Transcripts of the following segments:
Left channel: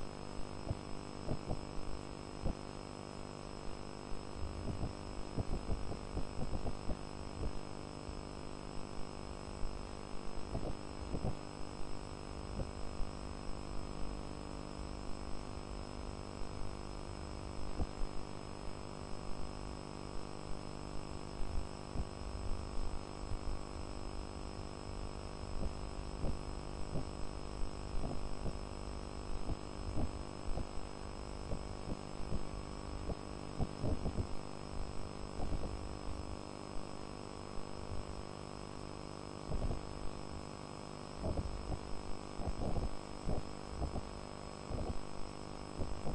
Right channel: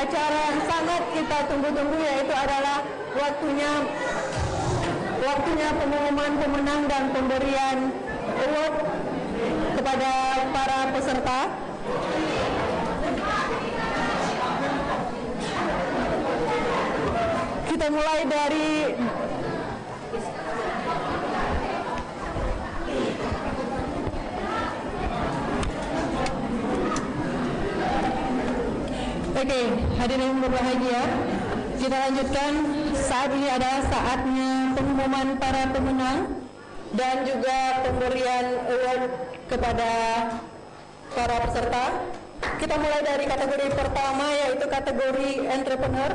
acara yang sangat kita tunggu-tunggu, yaitu adalah waktunya pengumuman pemenang dan pemberian award kepada para peserta. Kita mulai dari Oke, hadirin berbahagia, kita lanjutkan. Saat ini adalah saatnya pengumuman para pemenang dan juga pemberian award kepada para peserta. Kita mulai dari kategori pertama, yaitu kategori entrepreneur.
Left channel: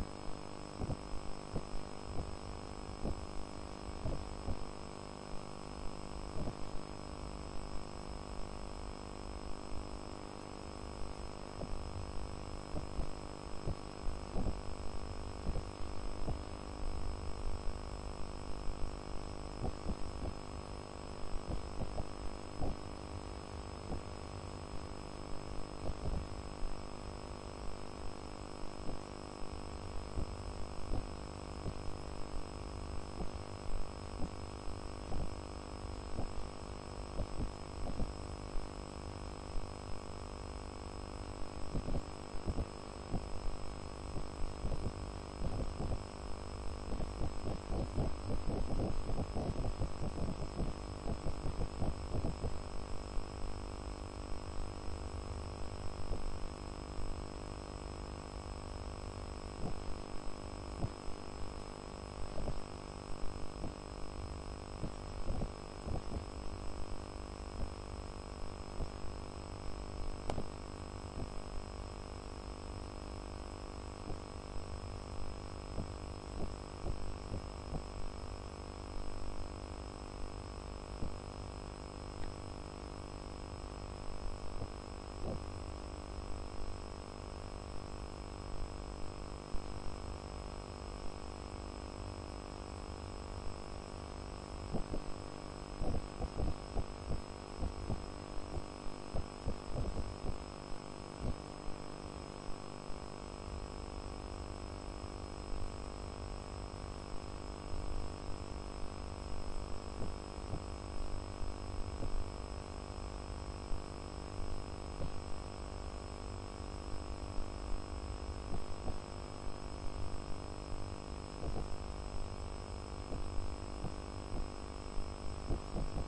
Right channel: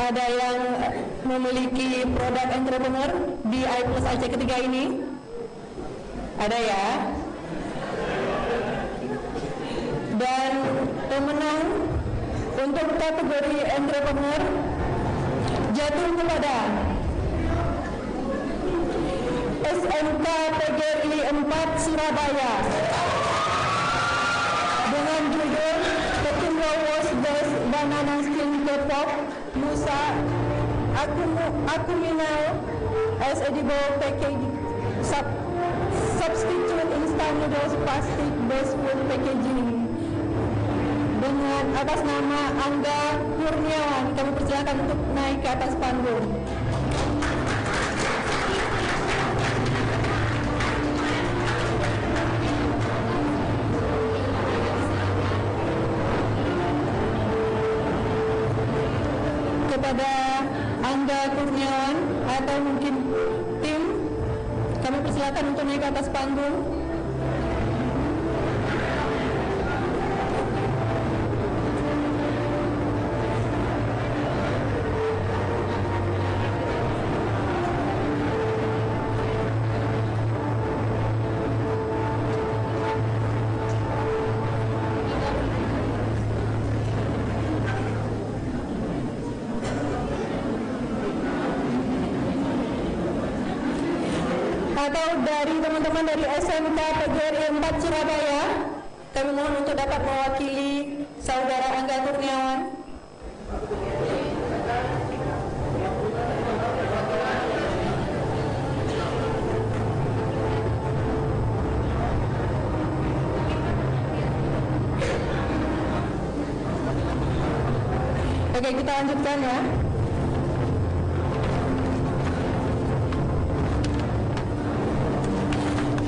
Ada yang memiliki produk entrepreneur di I+AC ketiga ini? Ada ya? Dan pemenang untuk kategori entrepreneur jatuh kepada SMK PGRI 4 Surabaya dengan judul Petimbo Was Best Banana Skin K-pop Nusa Akuminal as edible packaging substitute instant noodles plastic based food packaging. Dengan atas nama Angga Kurniawan, kami persilakan untuk naik ke atas panggung. Kepada Angga Kurniawan atau mungkin tim, kami persilakan untuk naik ke atas panggung. Atau dari teman-teman dari SMK PGRI 4 Surabaya, kami mohon untuk dapat mewakili saudara Angga Kurniawan. Oke, kita lanjutkan ya.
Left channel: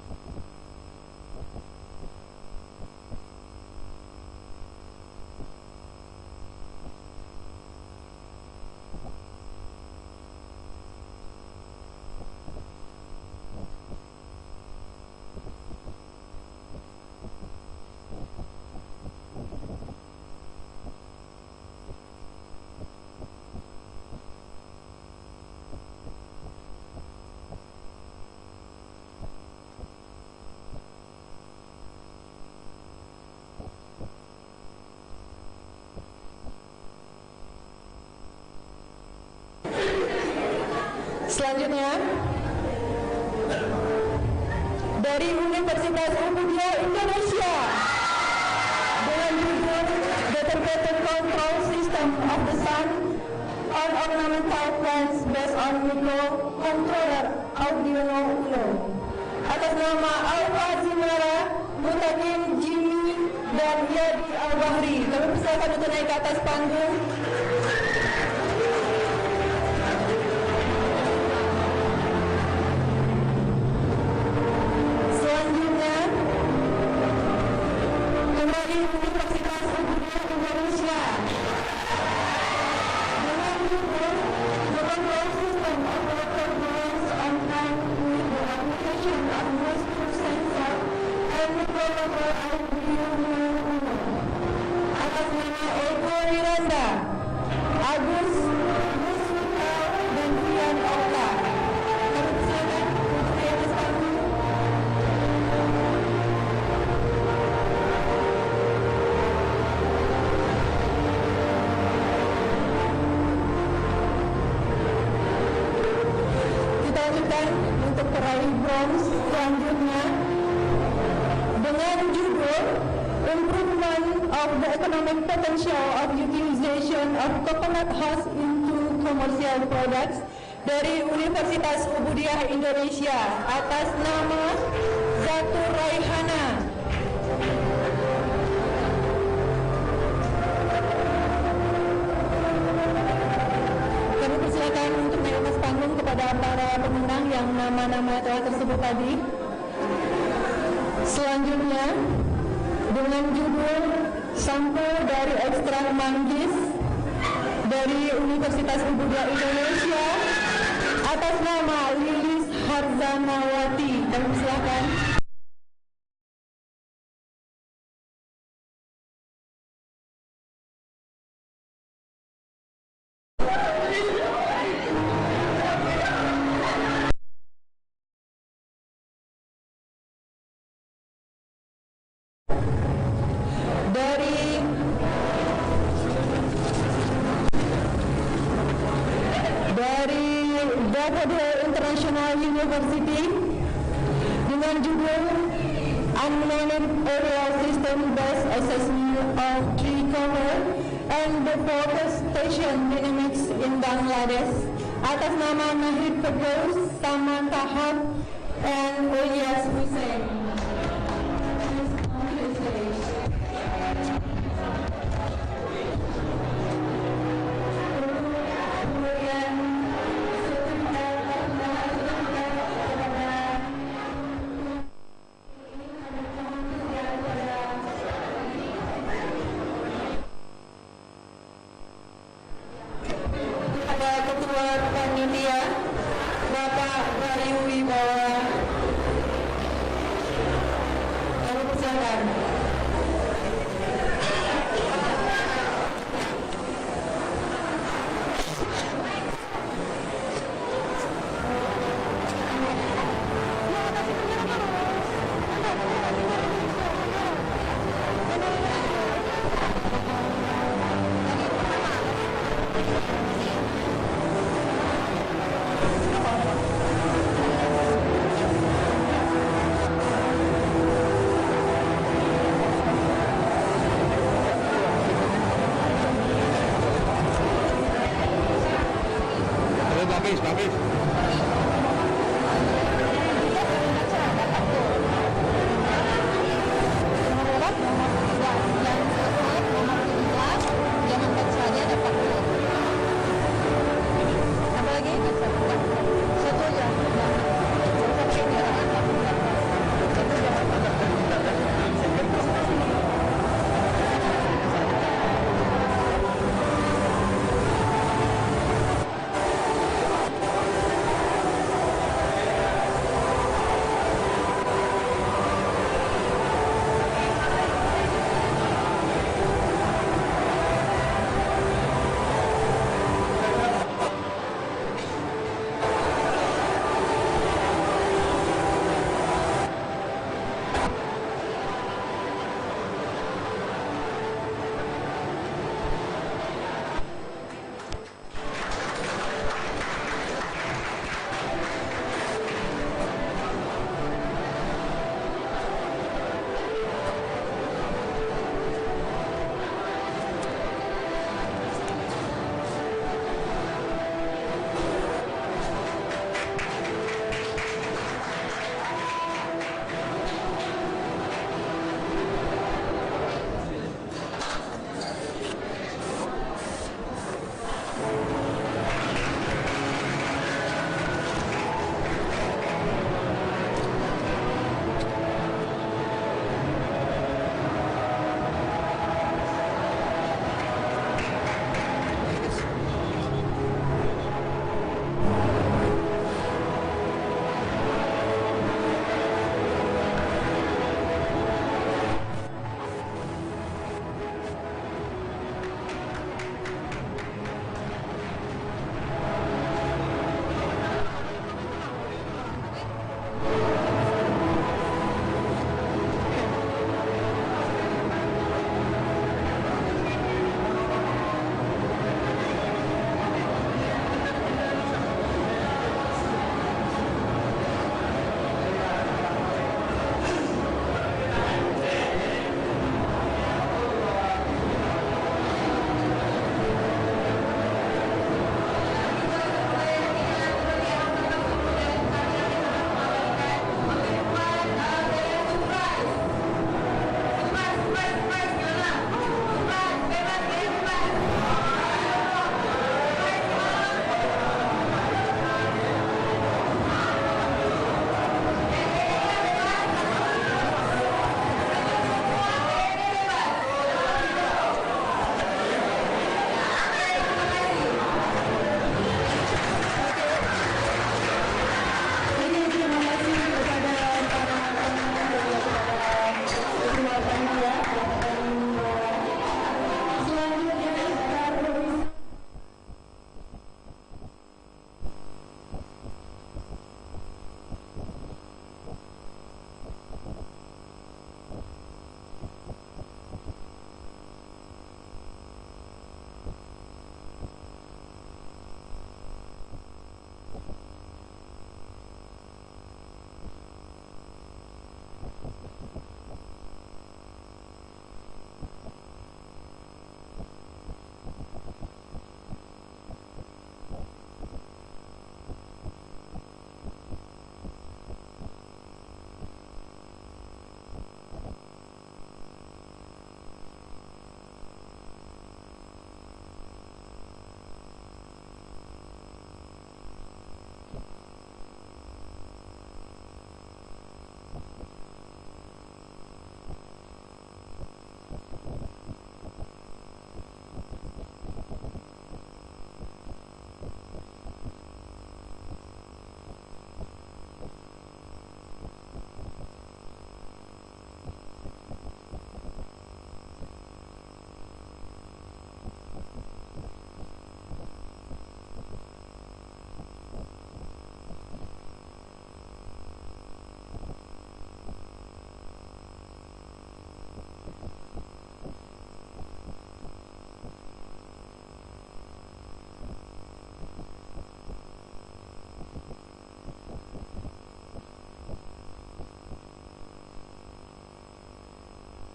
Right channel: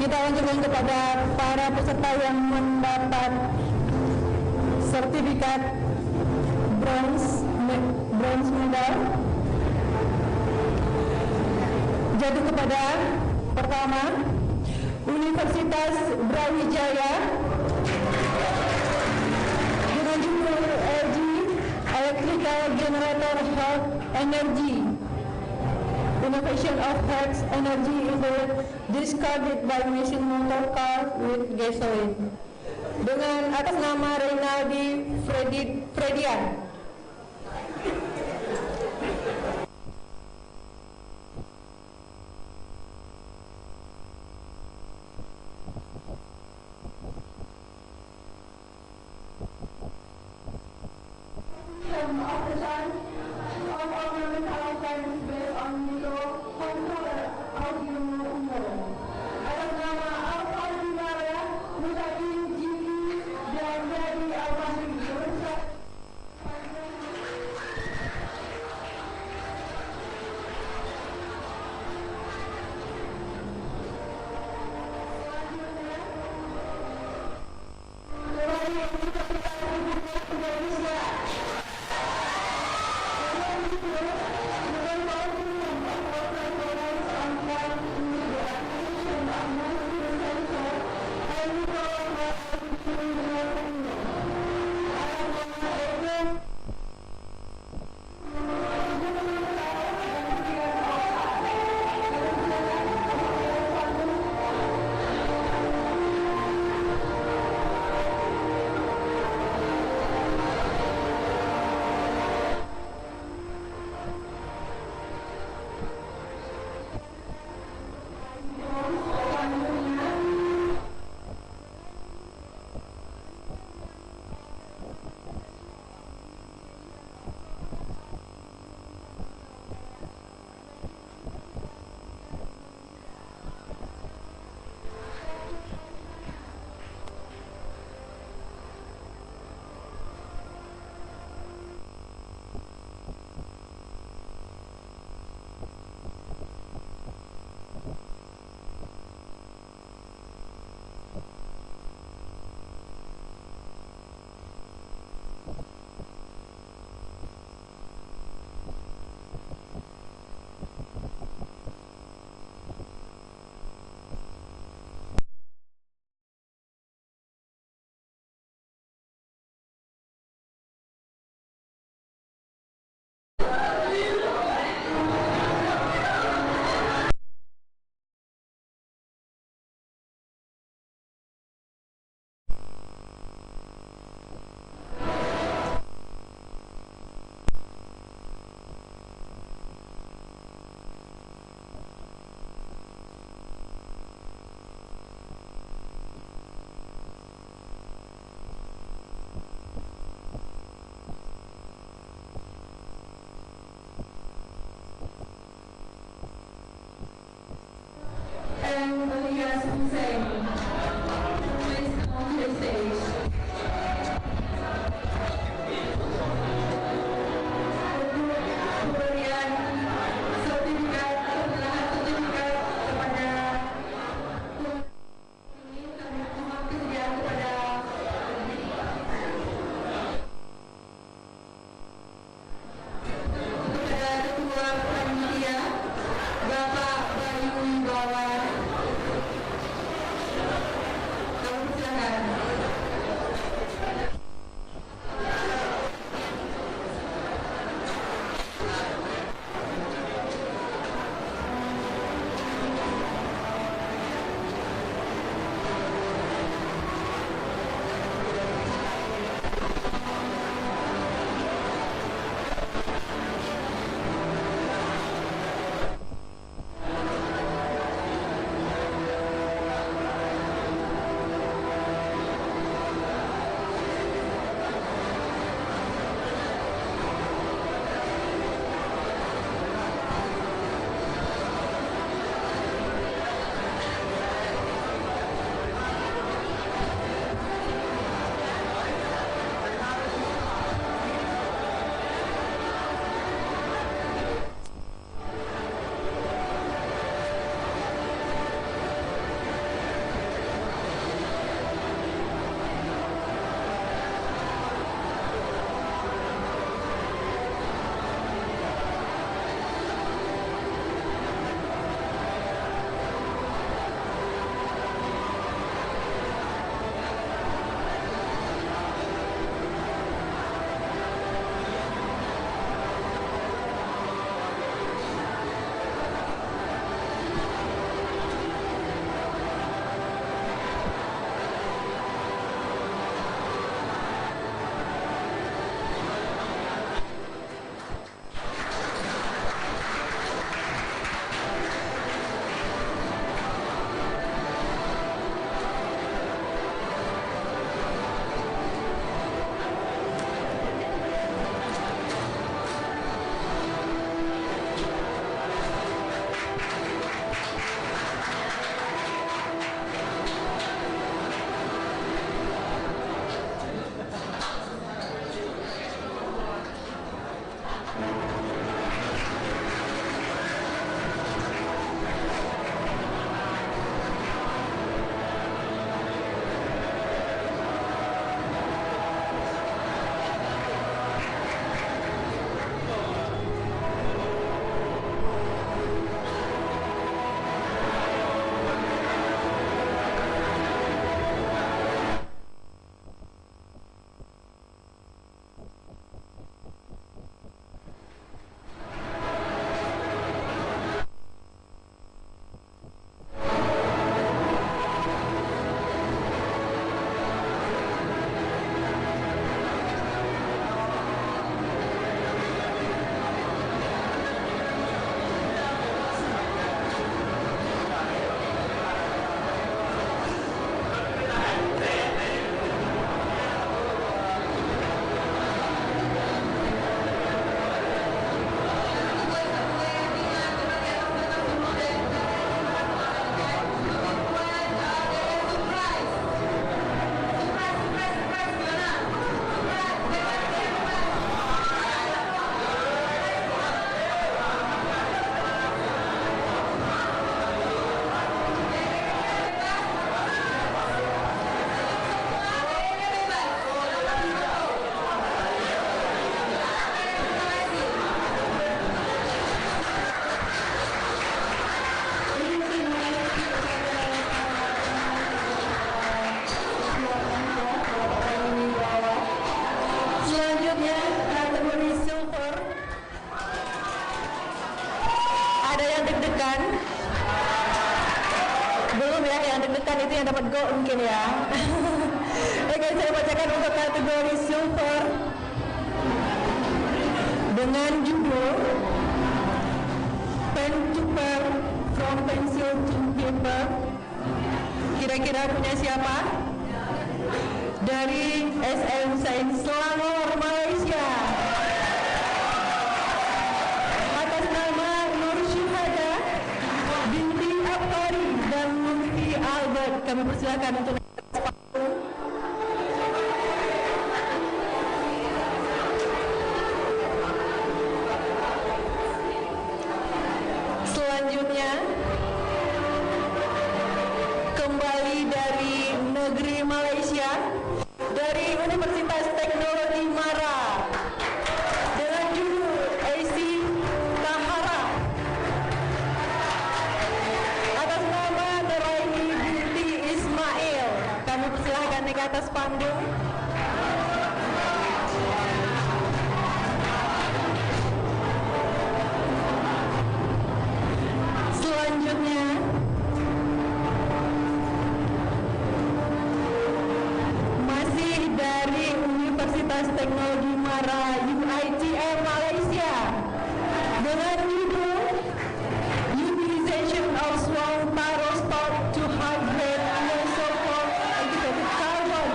Kita lanjutkan kepada para peserta yang mendapat sertifikat bronze medal. Jatuh kepada pertama Universitas Brawijaya dengan judul LG Electrical Generator Health Energy Innovation of Health Energy in the Discarded by Machine Motor Car with Gasoline, dengan atas nama Reynaldi Fredian. Selanjutnya dari Universitas Muhammadiyah Indonesia dengan judul Integrated Control System of the Sun on Ornamental Plants based on Microcontroller Arduino Uno, atas nama Alfa Zimera, Mutakin Jimmy dan Yadi Al-Bahri. Kami persilakan untuk naik ke atas panggung. Selanjutnya kembali Universitas Muhammadiyah Indonesia dengan judul Global System of Water Balance and Time with the Application of Moisture Sensor and Microcontroller Arduino Uno, atas nama Ego Miranda, Agus Musmuka dan Fian Okta. Kami persilakan untuk naik ke atas panggung. Kita lanjutkan untuk peraih bronze selanjutnya dengan improvement of the economic potential of utilization of coconut husk into commercial products dari Universitas Ubudiah Indonesia atas nama Zatur Raihana. Kami persilakan untuk naik atas panggung kepada para pemenang yang nama-nama telah tersebut tadi. Selanjutnya, dengan judul sampel dari ekstrak manggis dari Universitas Ubudiah Indonesia atas nama Lilis Harzanawati. Kami persilakan. Dari Daffodil International University dengan judul Unmanaged Area System Based Assessment of Tree Cover and the Forestation Dynamics in Bangladesh atas nama Nahid Firdaus, Sama Tahab, and Ilyas Hussein. Please come to the stage. dapat go mungkin ya. Oke, saya bacakan untuk kategori silver dengan judul Pen to Pen, From Pencil to Paper. Kira-kira punya siapa? Dari SM Sains Selangor, Malaysia. Atas nama Nur Syuhada binti Abkari dan Mufti Albert, kami persilakan untuk selanjutnya kembali dari negeri Malaysia, dari Universitas Teknologi Mara dengan judul AC Tahara. Atas nama Nuraini binti Ismail, kami persilahkan naik ke atas panggung. Selanjutnya masih dari Universitas Teknologi Mara UITM Malaysia dengan judul Utilization of Swamp Taro Stock to Hydrate Isotope Activated Carbon.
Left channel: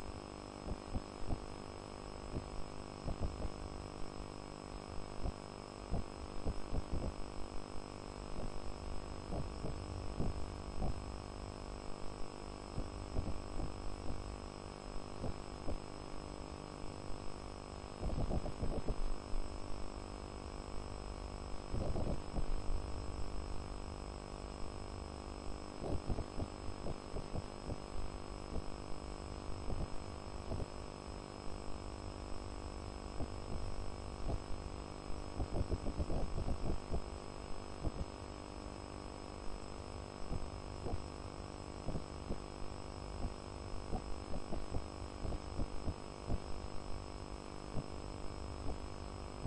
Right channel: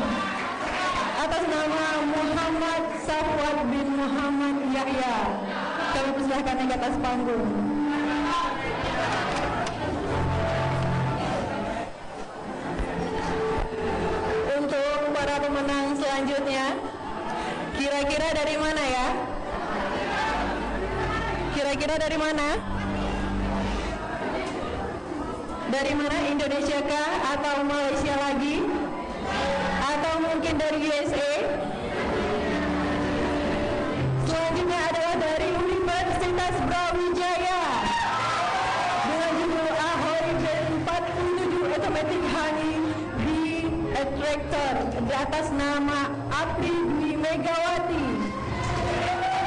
Atas nama Muhammad Safwat bin Muhammad Yahya, kami persilahkan naik ke atas panggung. Untuk para pemenang selanjutnya, kira-kira dari mana ya? Kira-kira dari mana? Dari mana? Indonesia kah? Atau Malaysia lagi? Atau mungkin dari USA? Selanjutnya adalah dari Universitas Brawijaya dengan judul Ahoy J47 Automatic Honey Bee Attractor di atas nama Apri Dwi Megawati.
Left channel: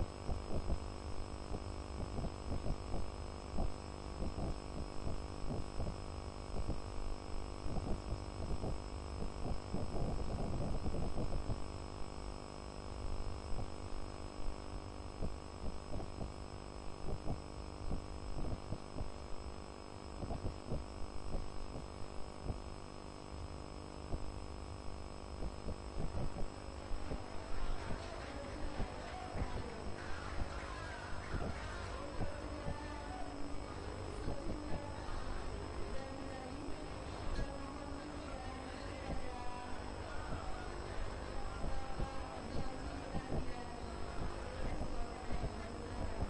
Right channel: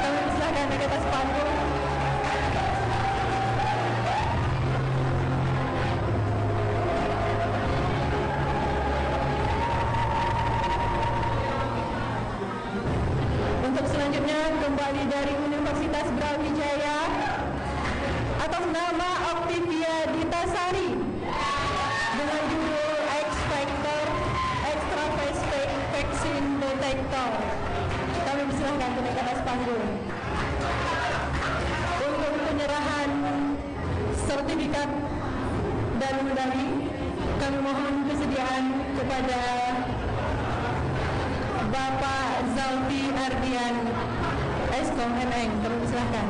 Kami persilakan naik ke atas panggung. Untuk selanjutnya kembali dari Universitas Brawijaya atas nama Octavia Ditasari dengan judul X Factor Extra Fast Vaccine Detector. Kami persilahkan untuk naik ke atas panggung. Untuk penyerahan sertifikat dan medali, kami mohon kesediaan kepada Bapak Zalfi Ardian Eskom NN, kami persilahkan.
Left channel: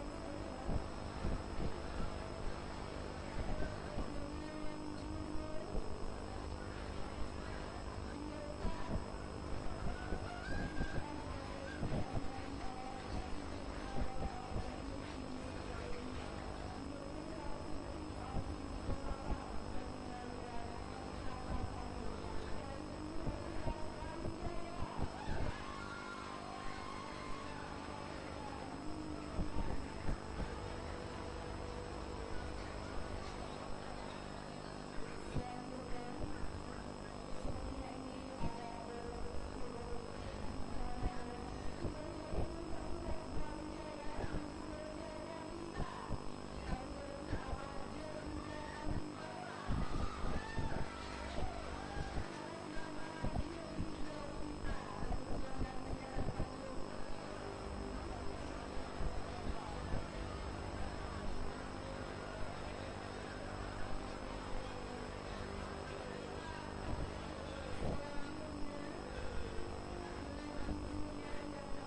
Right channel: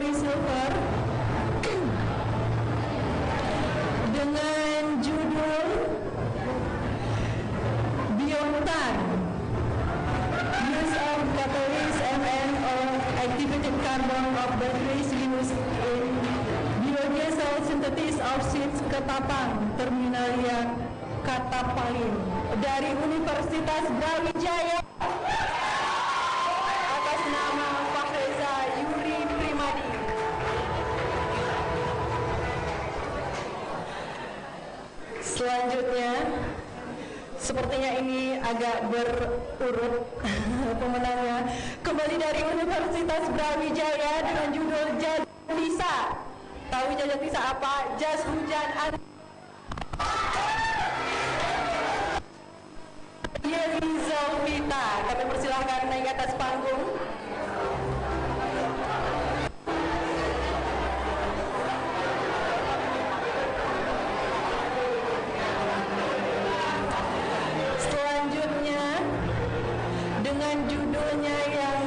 kategori silver dengan judul Biontan, Use of Catalyst MN or Activated Carbon of Batteries Used in Biodiesel Synthesis of Seeds Ketapang, Terminalia Katapain, dari Universitas Brawijaya atas nama Pak Reza Yuri Primadi. Selanjutnya, sepertinya ini agak berurut pemenangnya, kembali dari Universitas Brawijaya dengan judul Jas Lisa. Tahu Jas Lisa apa? Jas hujan Zalvita. Kami persilahkan naik ke atas panggung. Selanjutnya dengan judulnya yang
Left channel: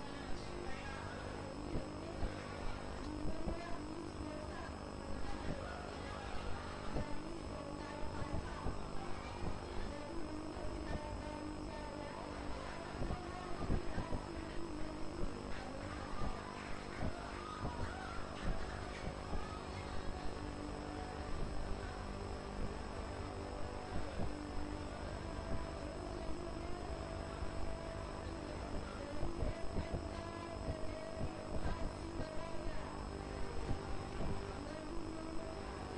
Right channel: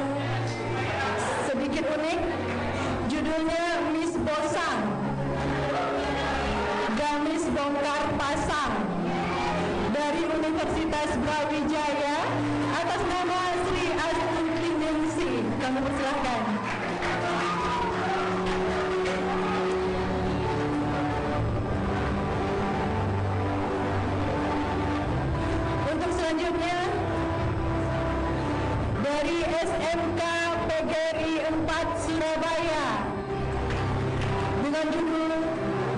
sedikit unik, judulnya Miss Bosang, Gamis Bongkar Pasang, dari Universitas Brawijaya atas nama Sri Astuti Ningsi. Kami persilahkan. Untuk selanjutnya dari SMK PGRI 4 Surabaya dengan judul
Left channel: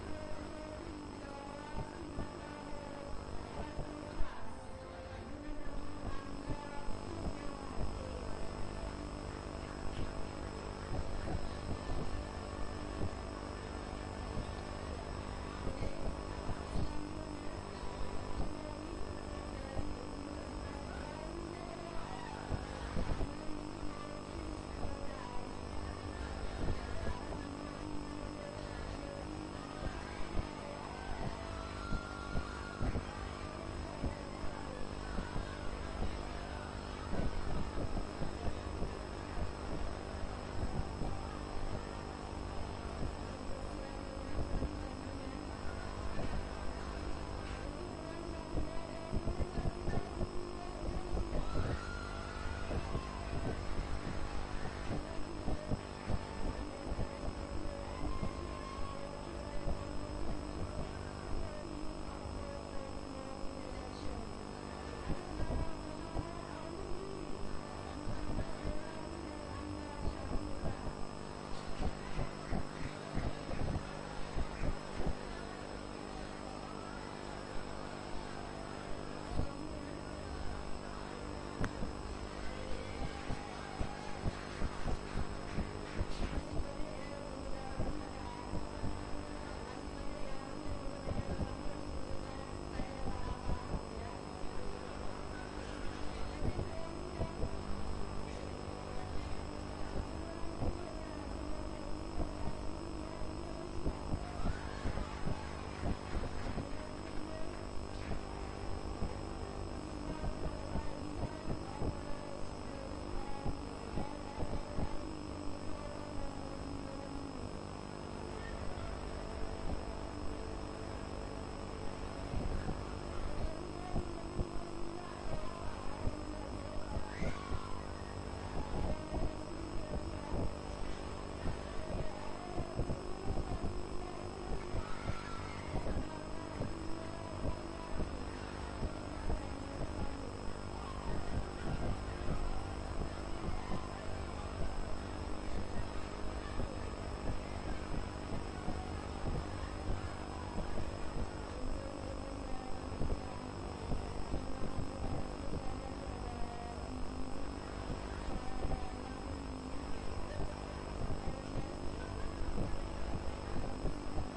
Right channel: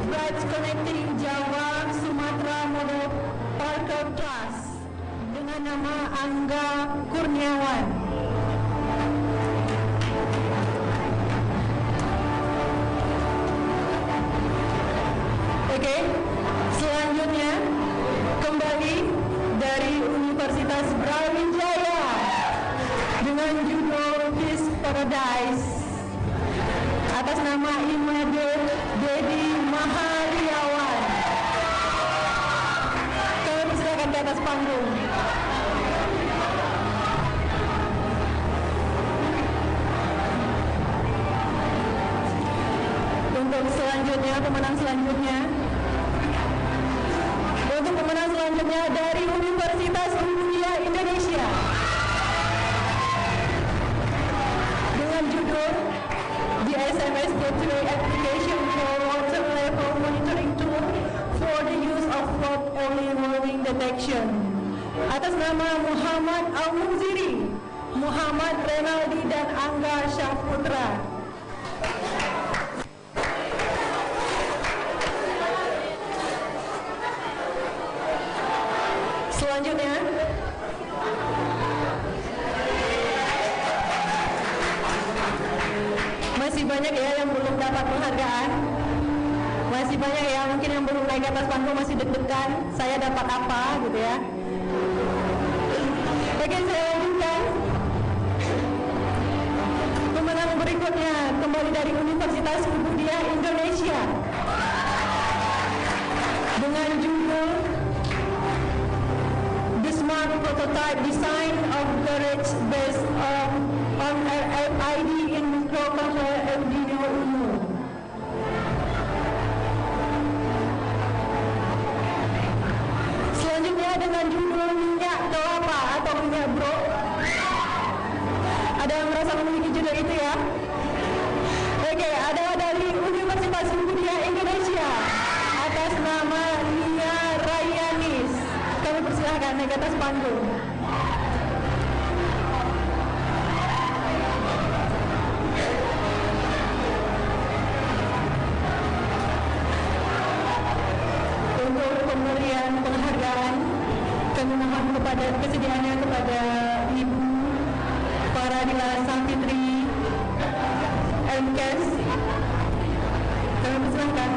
Bridge Connecting Java Sumatera Model Parker Class dengan nama Angga Kurniawan. Oke, selanjutnya kembali dari Universitas Brawijaya dengan judul Peace Paradise atas nama Imade Dedi Mahariawan. Kami persilakan ke atas panggung. Untuk selanjutnya, pemenang selanjutnya. Untuk pemenang selanjutnya dari Universitas Mulia Indonesia dengan judul The SMS Gateway Application for Water Level Monitoring Tool for the Use of Flood Early Warning Detection atas nama Muhammad Al-Munziri, Muhammad Renaldi dan Angga Syahputra. Selanjutnya masih banyak ya yang belum dapat penghargaan, masih banyak ya mungkin yang belum naik ke atas panggung, masih deg-degan saya dapat apa gitu ya. Oke, saya lanjutkan. Pemenang berikutnya kembali dari Universitas Muhammadiyah Indonesia dengan judul The Smart Prototype Design of Garage Based on RFID in Microcontroller Arduino Uno. Selanjutnya dengan judul Minyak Kelapa atau Minyak Bro. Ada yang merasa memiliki judul itu ya? Oke, ada dari Universitas Muhammadiyah Indonesia atas nama Nia Rayanis. Kami persilahkan naik ke atas panggung. Untuk pemberian penghargaan, kami mohon kepada kesediaannya kepada Ibu Faradila Safitri MKes. Kami persilahkan.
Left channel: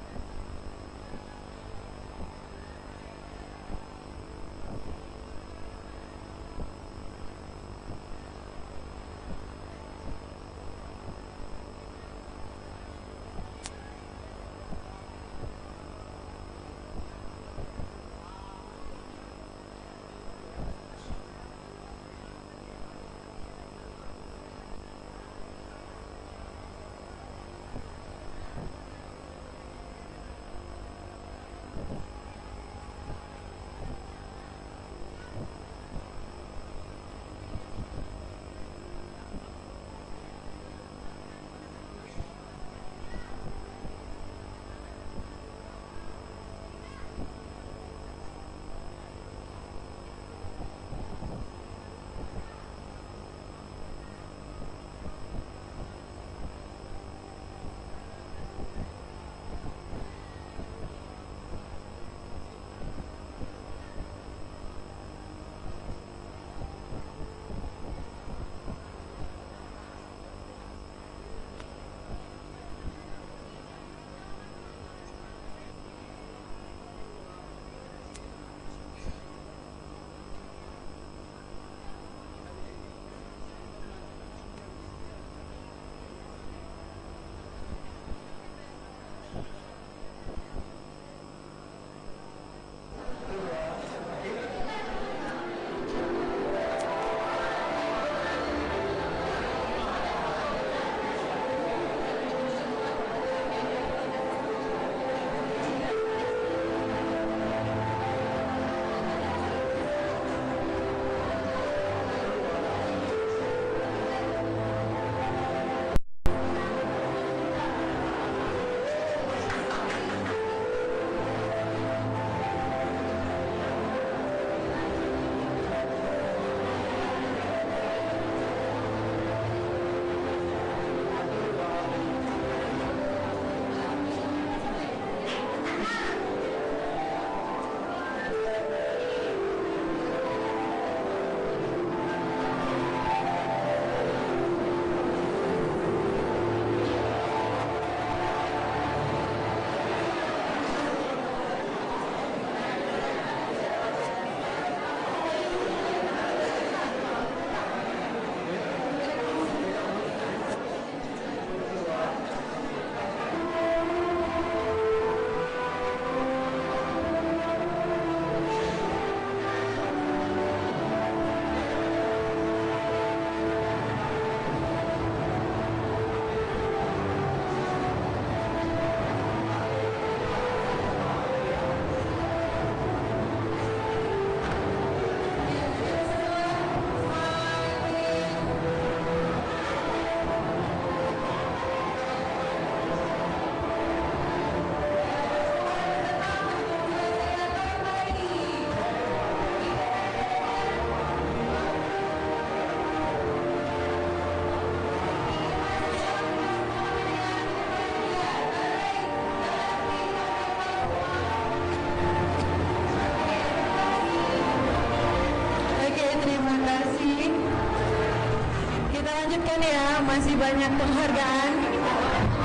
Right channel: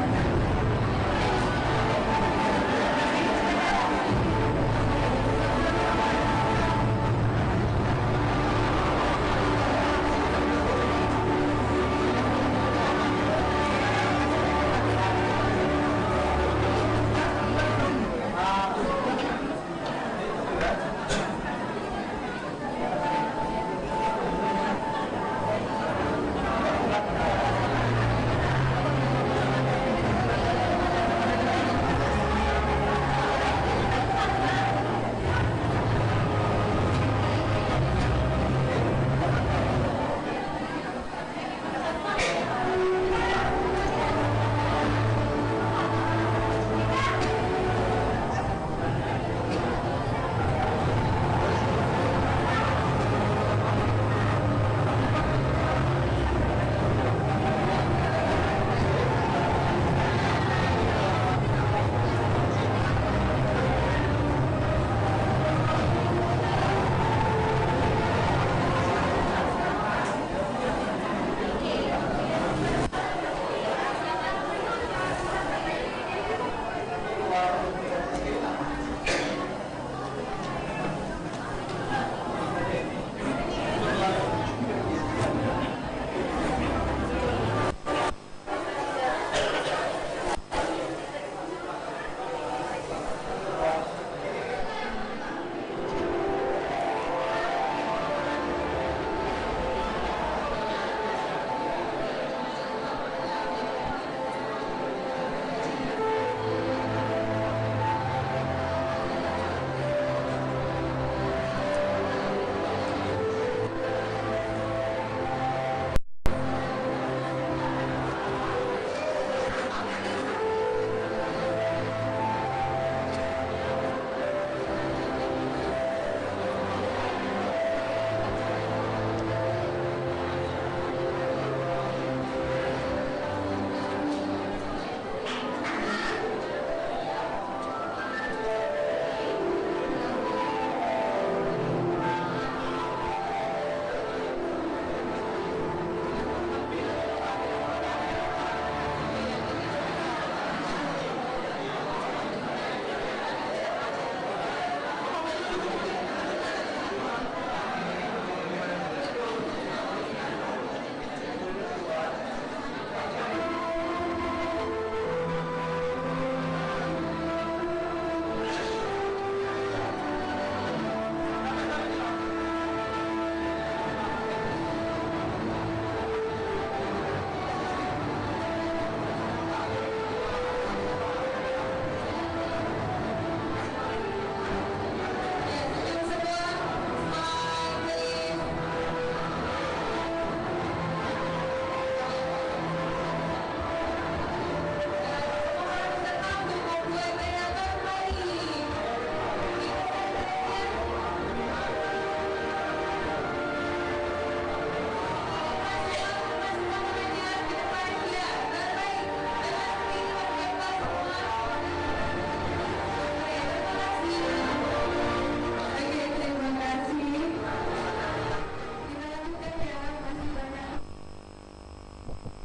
masih banyak penghargaan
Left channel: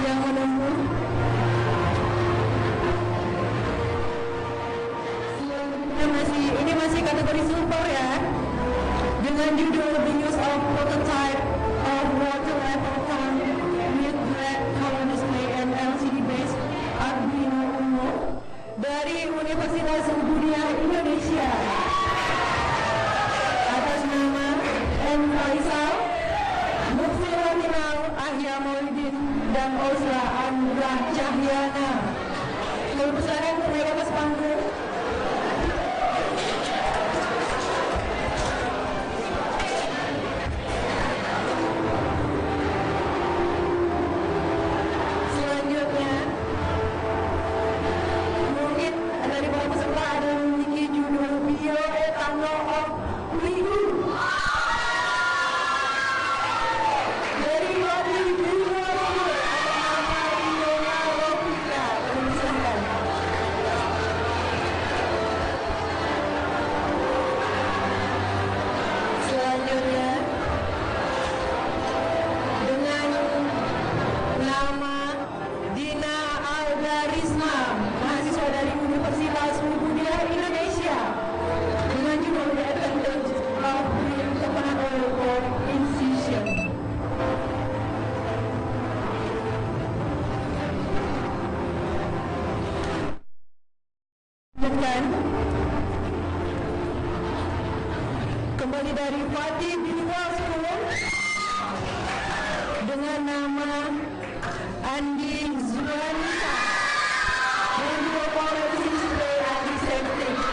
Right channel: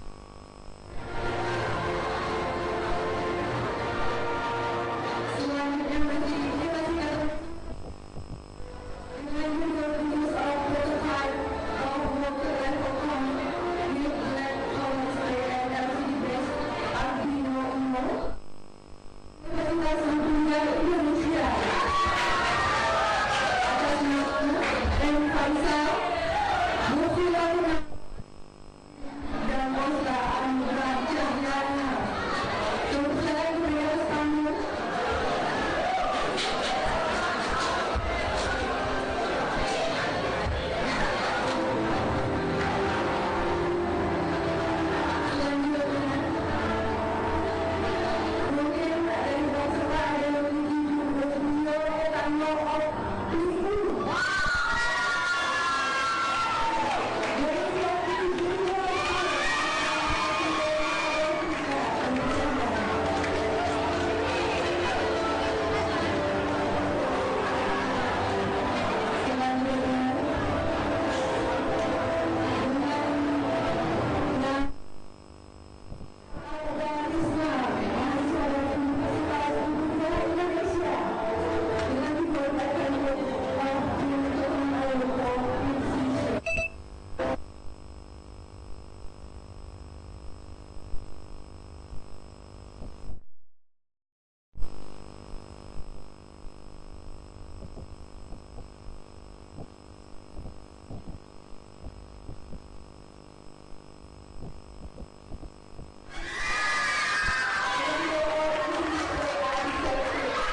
yang menunggu. Ini masih kategori super ya, dengan judul The Use of Prototype of Water Level Pump with Black Color Display and LCD Based Arduino Uno dari Universitas Dunia Indonesia atas nama M. Faisal, Mufiul Ahya Maulidin dan Osra Andra Cahyana. Saya menaik atas panggung. Kembali dari Fatih Visual School dengan nama Andi Zuanisa dan juga polisi sebagai disability.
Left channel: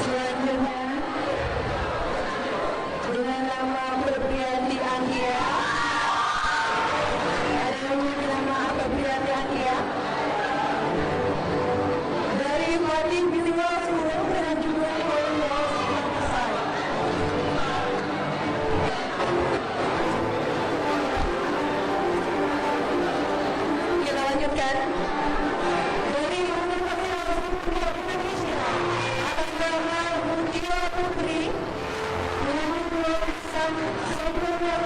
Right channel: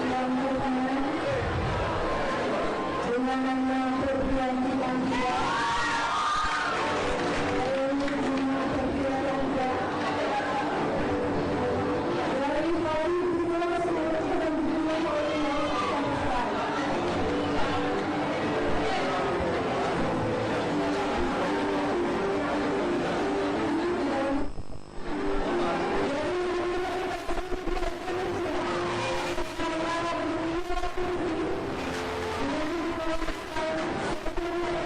Selanjutnya dengan nama Febrianti Anggia dari Fatih Visual School dan juga kita lanjutkan dari Universitas Indonesia atas nama Mutia Putri dengan lulusan sebelumnya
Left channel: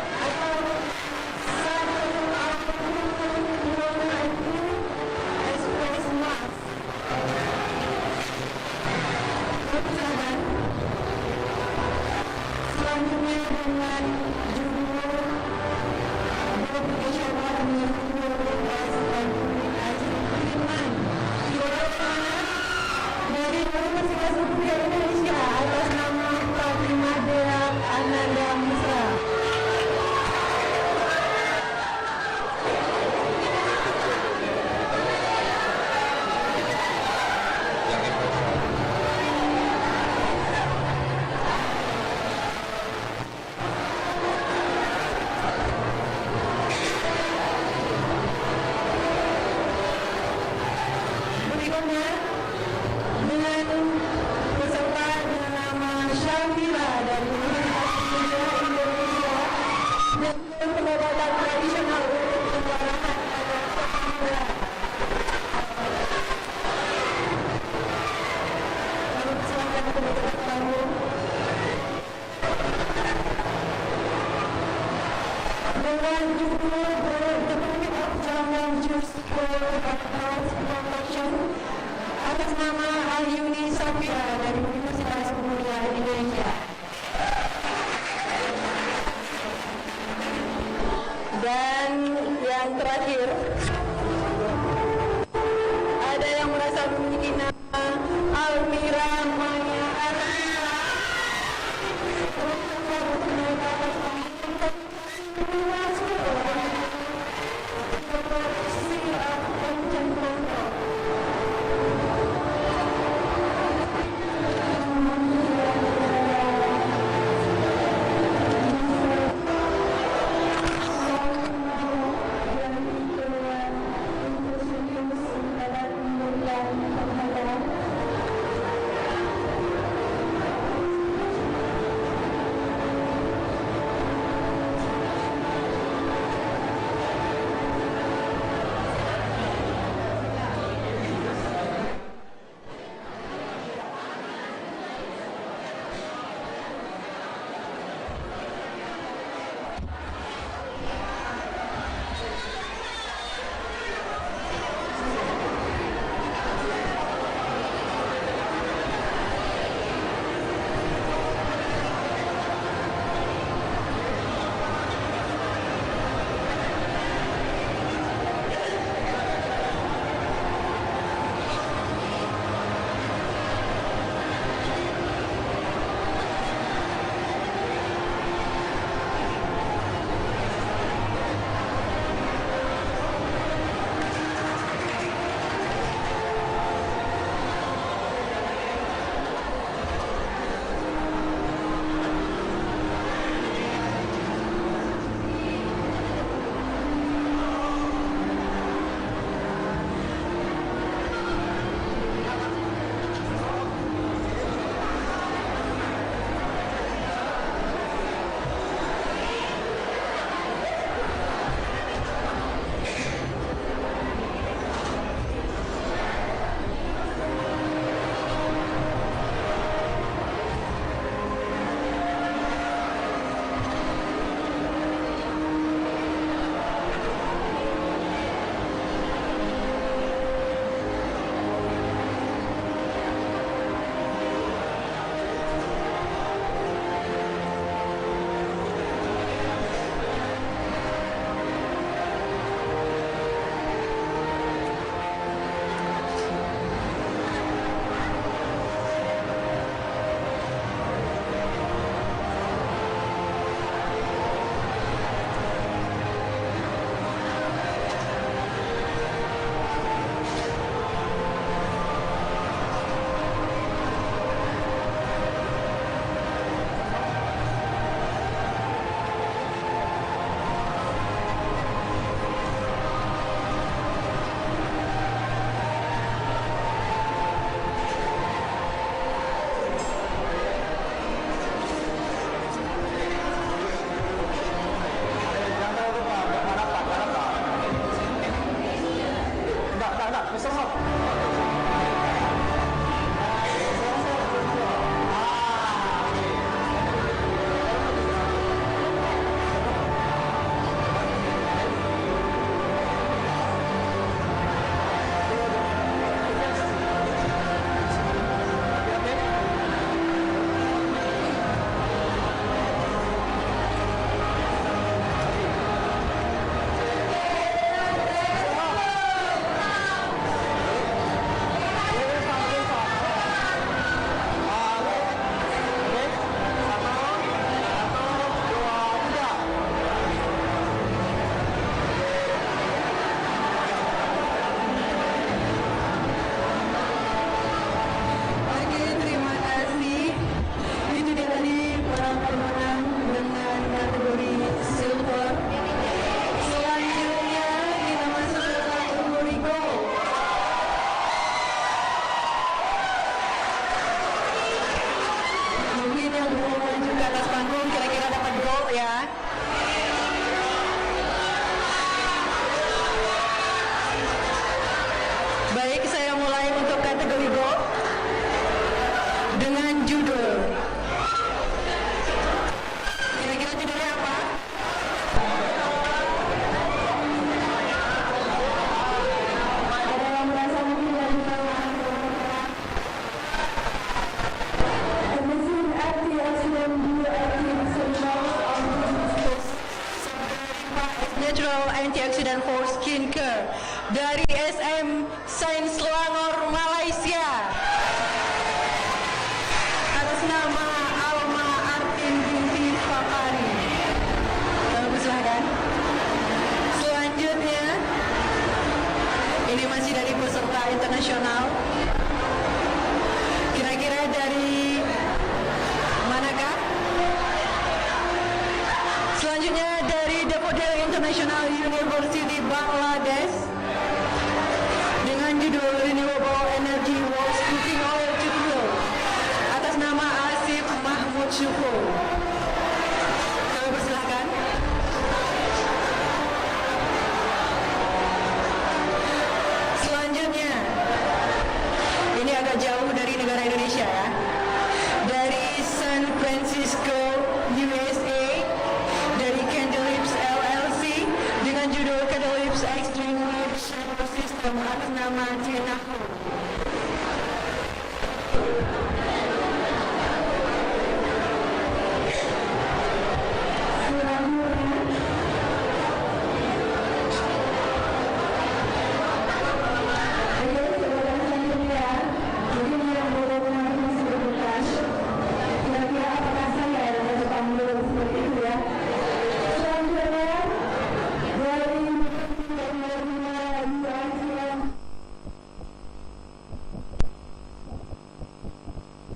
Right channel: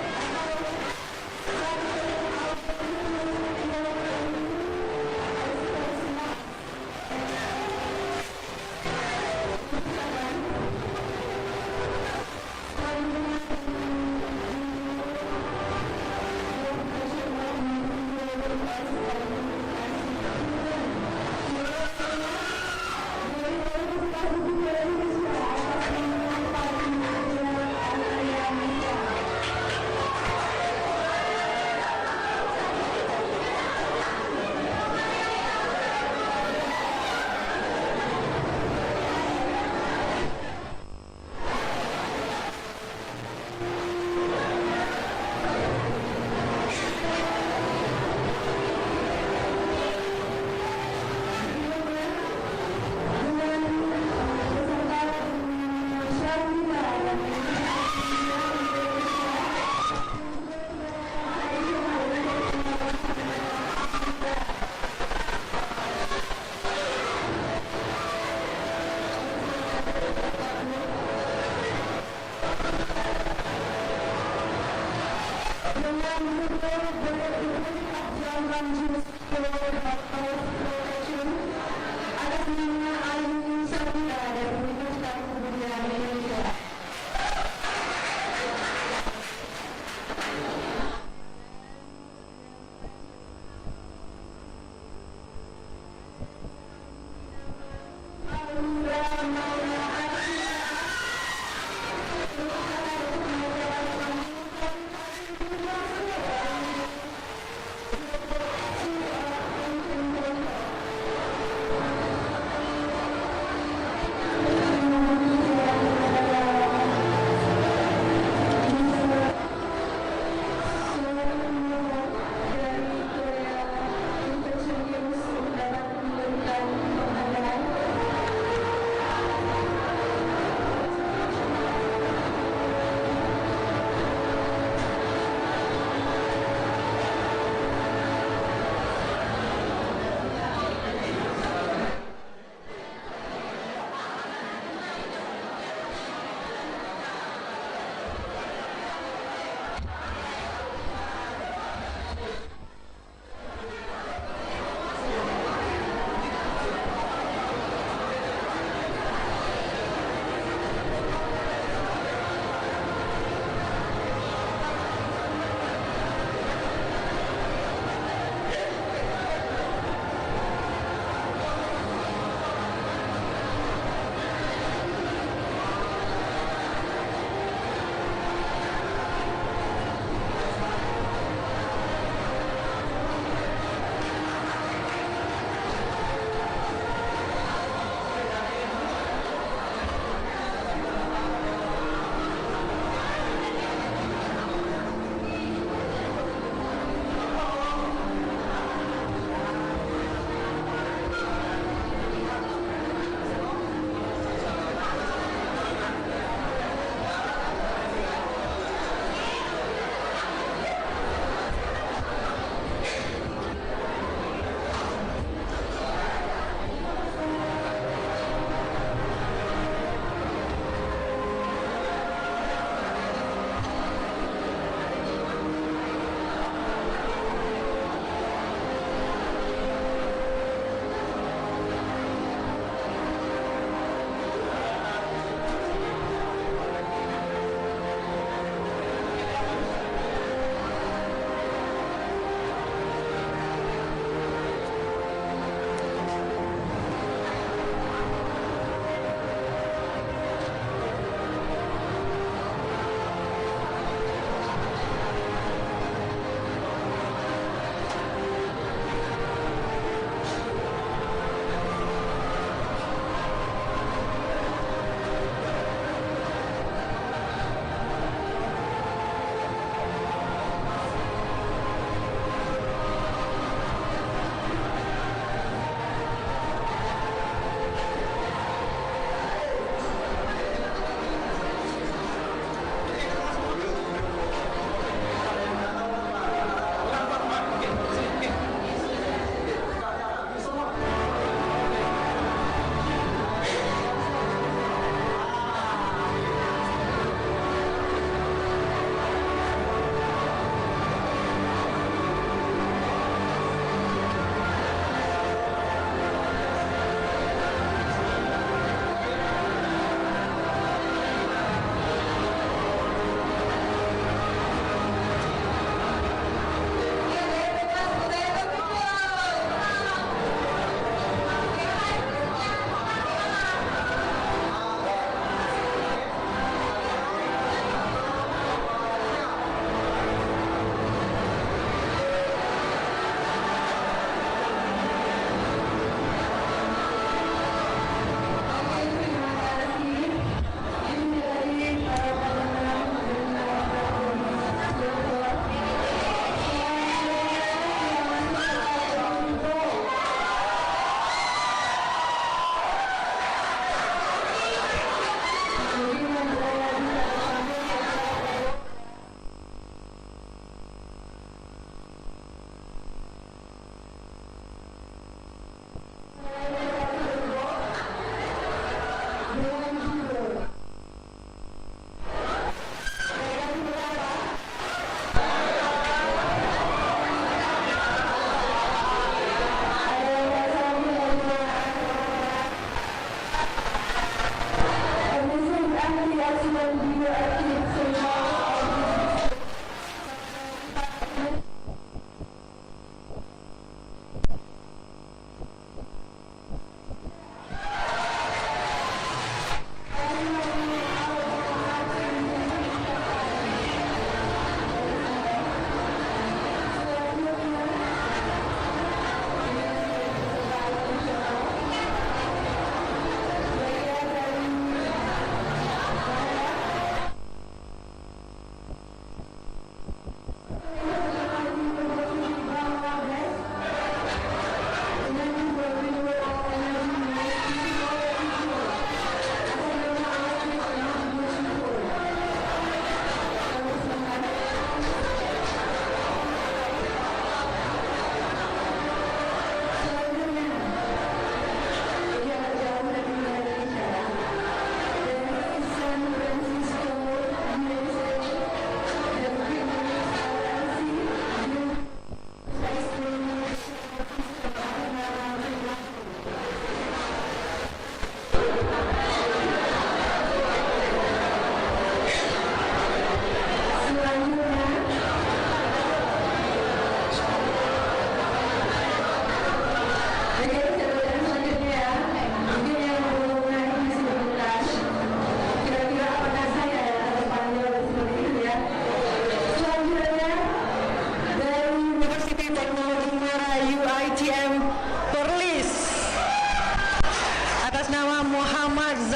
dari Universitas Indonesia atas nama Fatimah Dea Ananda Musa. Berikutnya dengan peserta dengan nama Syamila dan Universitas Indonesia dengan pengobatan tradisional untuk pengobatan dengan judul atas nama Ayuni Safira dari Universitas Dunia Indonesia. Dan yang terakhir, ada yang merasa memiliki nama Almira Maulia Arina.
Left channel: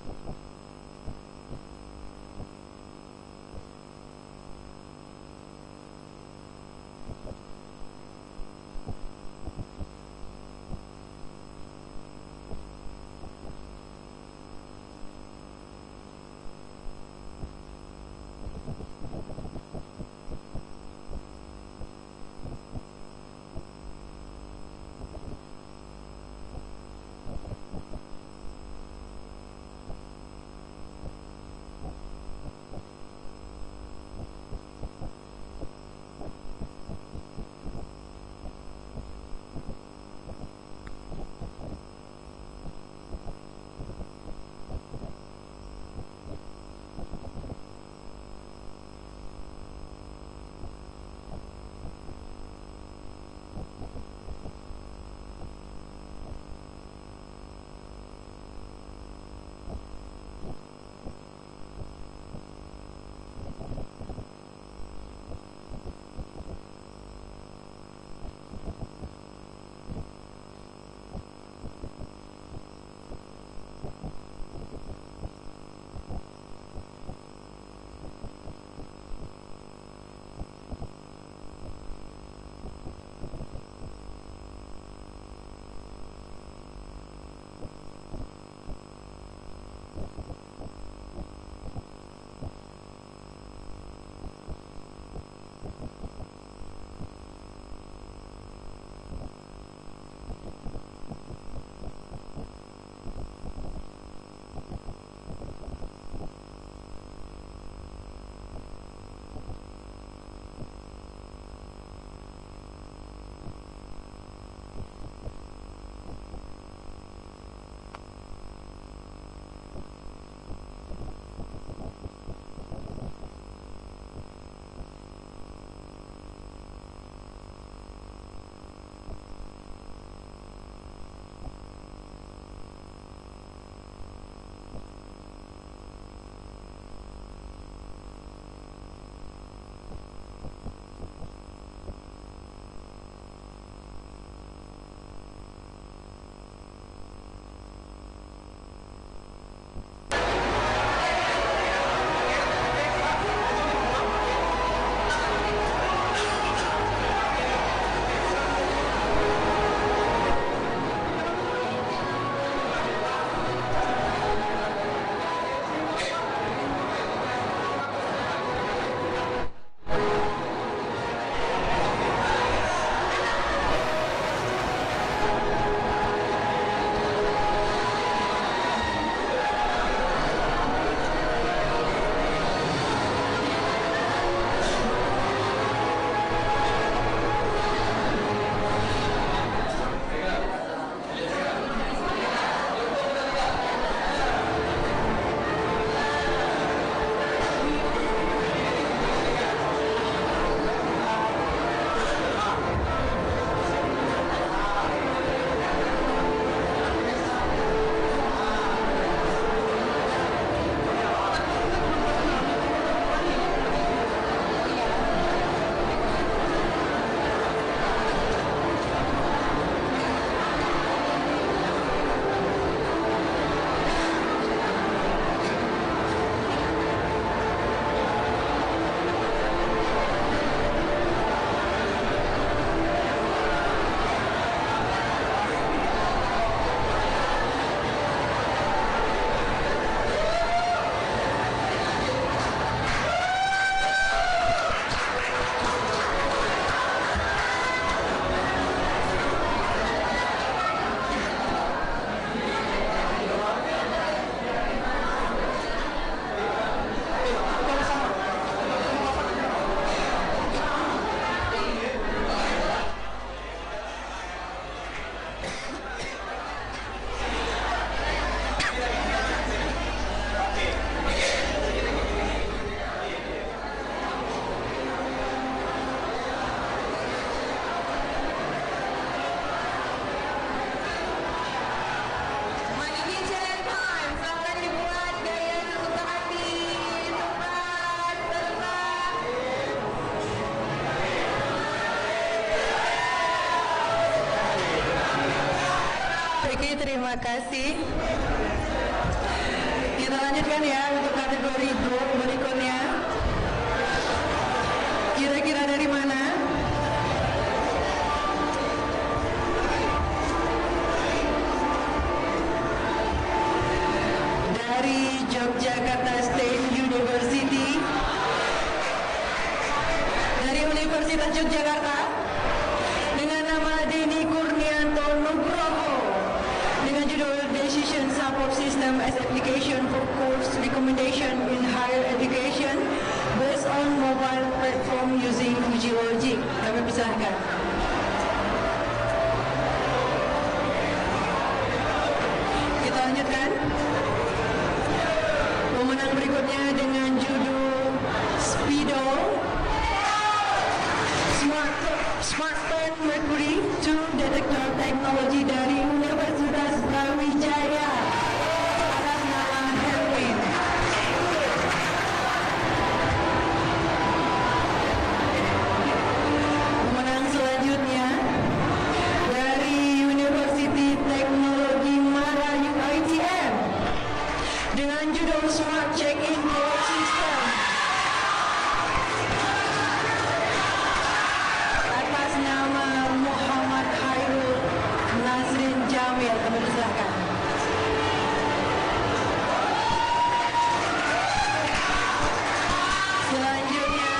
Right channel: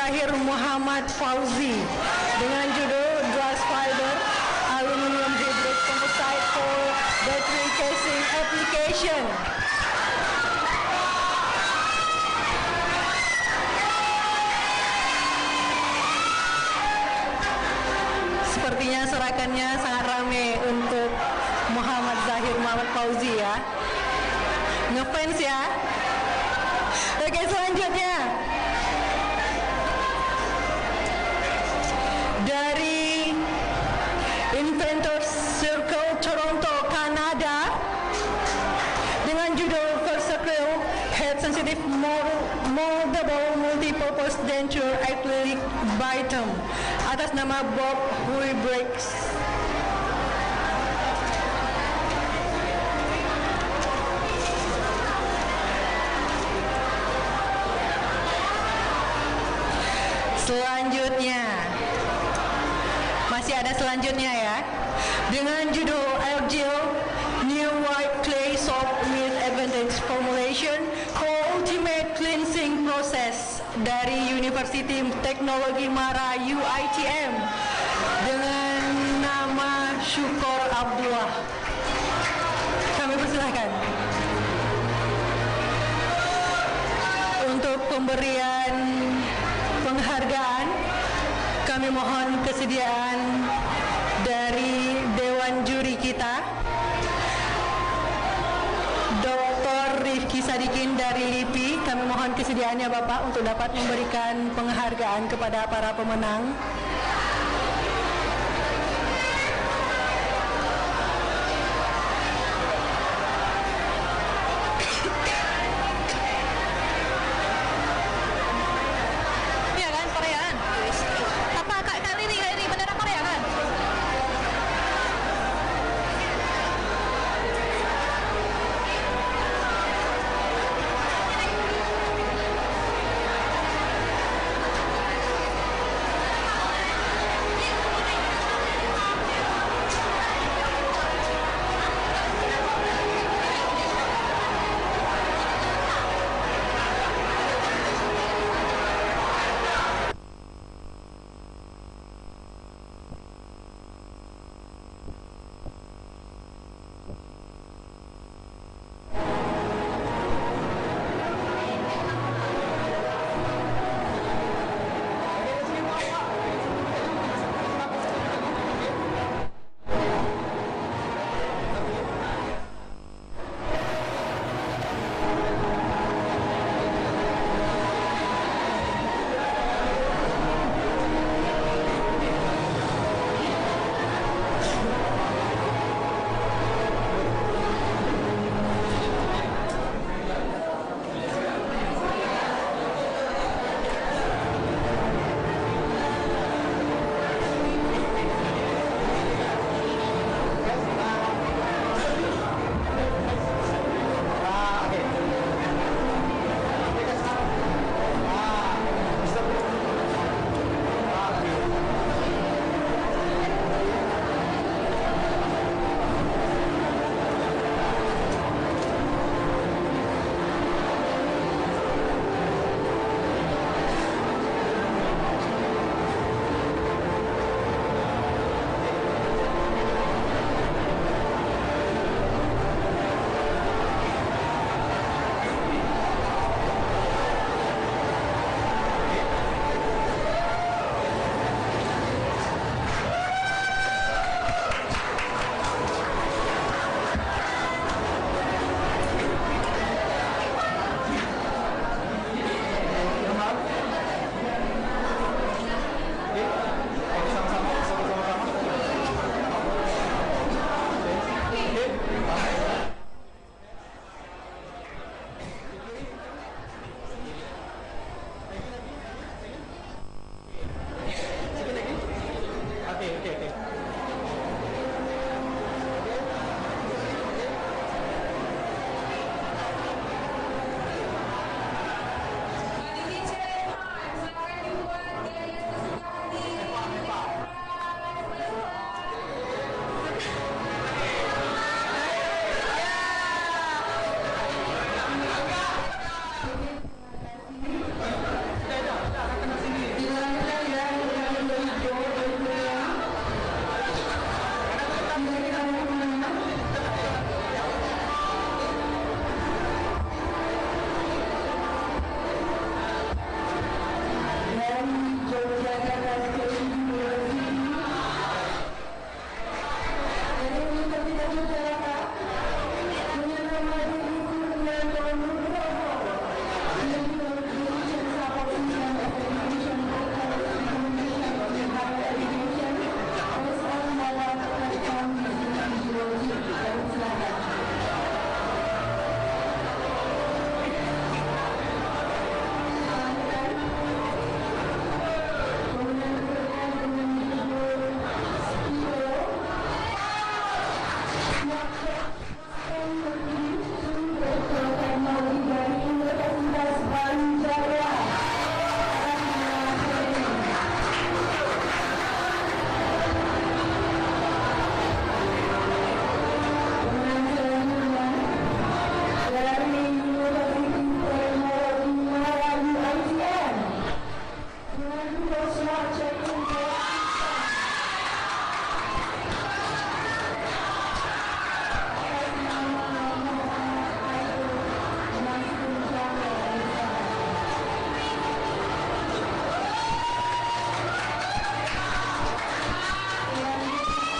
Zahir Muhammad Fauzi dengan judul Glass Fiber Aluminium Hybrid Composite for Battery Casing Application. Sepertinya serakannya sangat ramai untuk Muhammad Zahir Muhammad Fauzi ya. Ngefans ya. Oke, selanjutnya dari Inventors Circle Toronto, Kanada dengan judul Versatile Head Sensitive Moldable Multipurpose Denture Acrylic Bitum atas nama Bob Huybrechts. Selanjutnya, masih ada selanjutnya ya, dengan judul Algil New White Clay Soap with Advantage Formulation for Ultimate Cleansing Process dari University Teknologi Mara UITM dengan nama Syukor Abdullah. Kami persilahkan untuk pemberian penghargaan. Kami mohon kesediaan dari Dewan Juri kita, Dr. Rifki Sadikin dari LIPI. Kami mohon kesediaannya Bapak untuk dapat memberikan penghargaan kepada para pemenang. kasih. Kita lanjutkan ya untuk kategori draw berikutnya. Kira-kira dari mana? Dari Yogyakarta State University. Dari Universitas Yogyakarta. Dengan nama Denny Kurnianto Nugroho. Dengan judul Decision Support System as Application for Course Recommendation in Higher Education based on mobile platform using Logic. Kami persilahkan. Kita lanjutkan. Pemenang berikutnya dengan judul Speedo Smartphone Mercury 2 Detector Technology dari Universitas Brawijaya. Atas nama Herwin. Pemenang selanjutnya dari University Teknologi Melayu ITM dengan judul Smart Check-in Code System. Atas nama Muhammad Hairul Nasrin Jamil. Silakan. Selanjutnya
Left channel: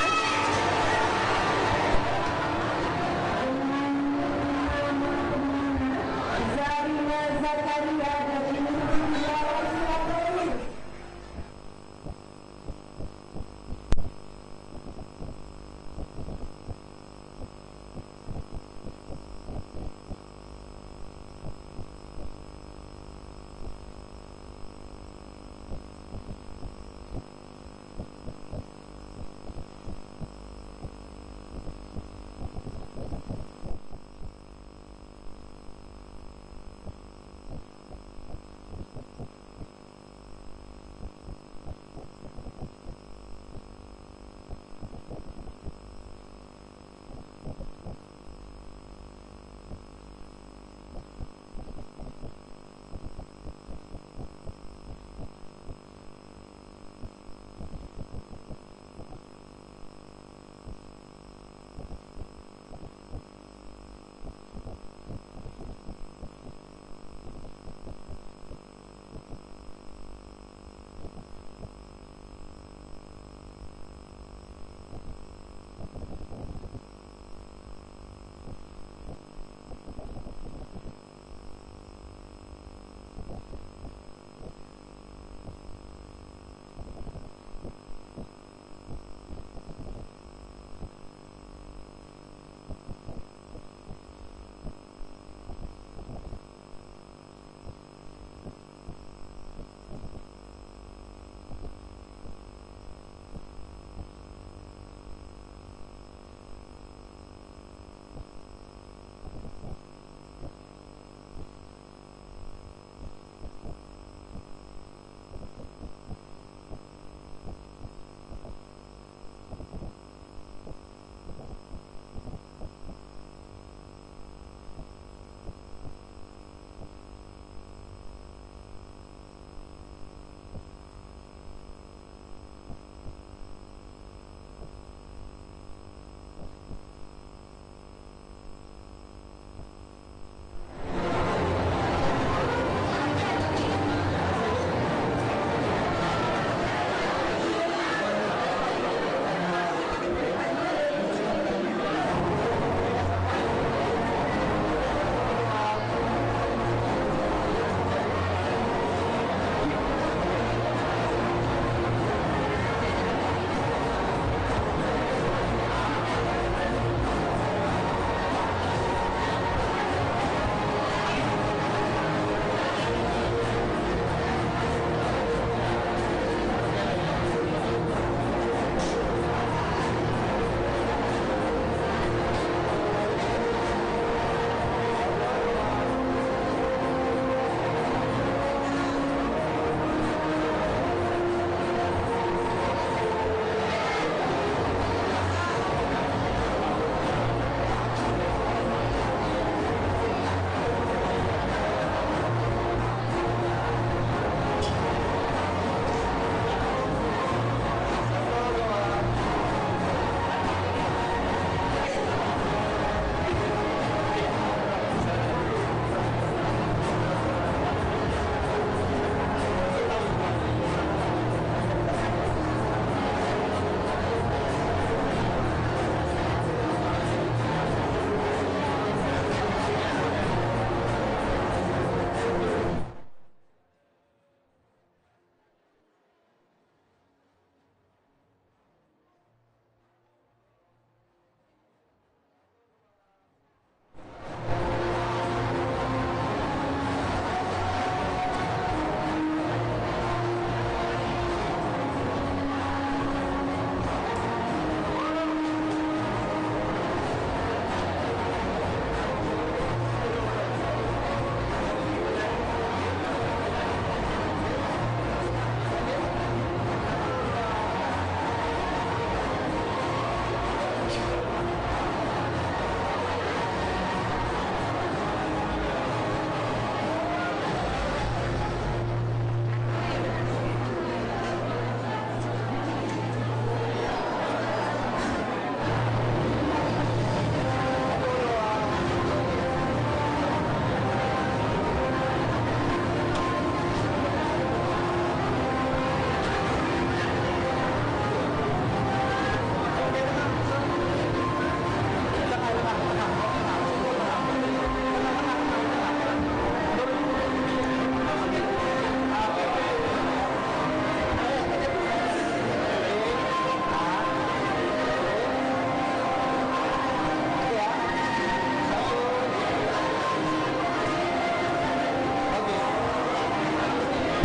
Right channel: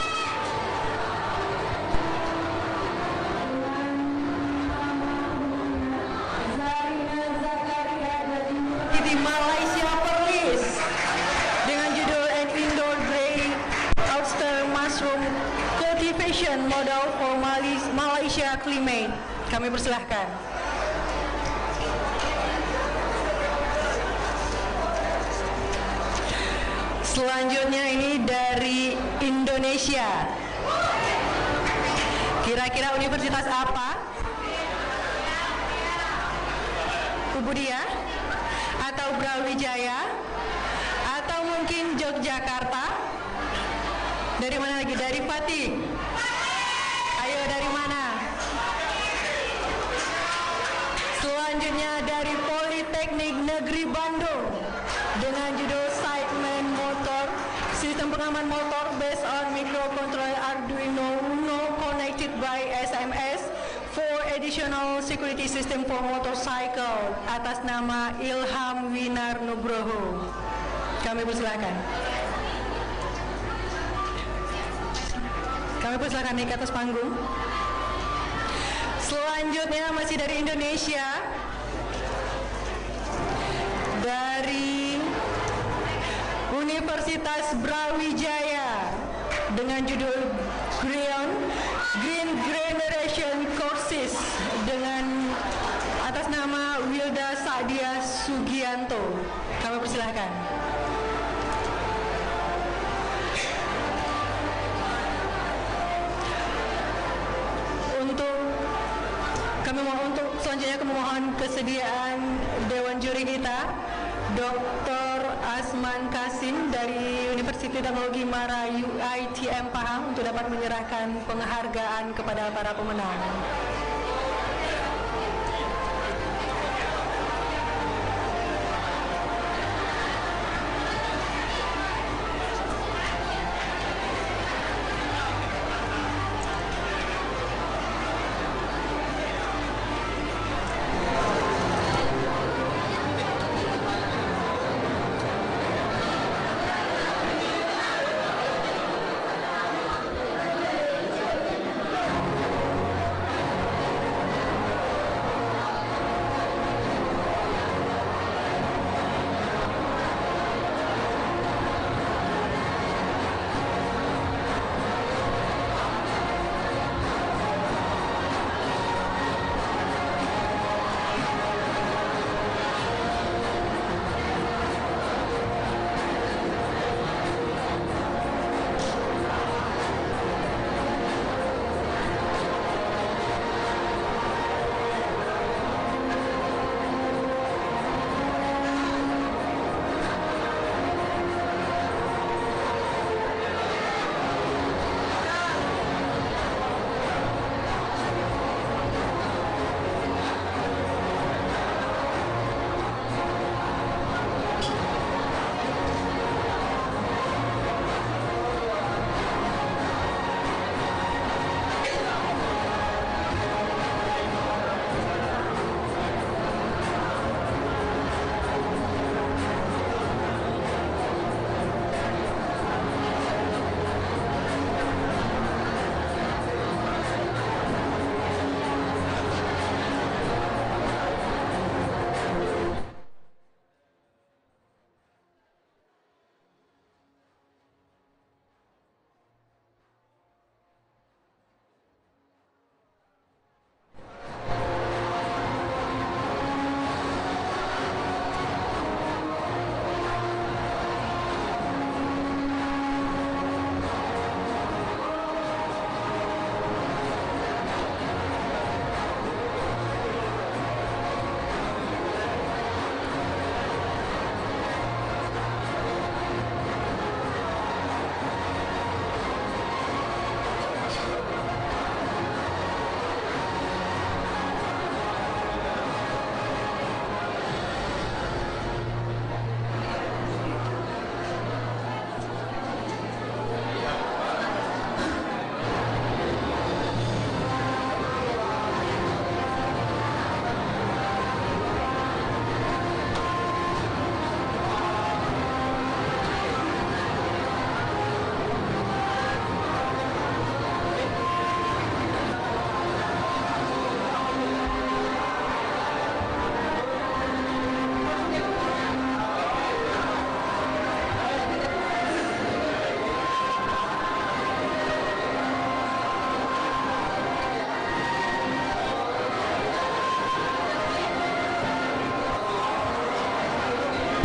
Zarina Zakaria dari University Malaysia Perlis dengan judul An Indoor Grey Oyster Mushroom Cultivation Model for Malaysia Climate. Kami persilahkan. Selanjutnya ini dari Indonesia. Kira-kira universitas apa? Ubudia? Atau Brawijaya? Atau mungkin Yogyakarta? Dari mana lagi? Dari Pati? Ayo dari mana? Selanjutnya dari Politeknik Negeri Bandung dengan judul Sideman Motor Sistem Pengaman Motor based on microcontroller Arduino Uno connected by SMS for additional security system for motorcycle atas nama Ilham Winar Nugroho. Kami persilakan. Kami persilakan naik ke atas panggung. Selanjutnya masih dari Indonesia. Dari Universitas Brawijaya dengan judul Green Generation Courses dengan atas nama Wilda Sadia Sugianto. Kami persilahkan. Untuk selanjutnya kami mohon kesediaan Dewan Juri kita, Dr. Asman Kasim dari Universitas Teknologi Mara ITM Pahang untuk dapat menyerahkan penghargaan kepada para pemenang.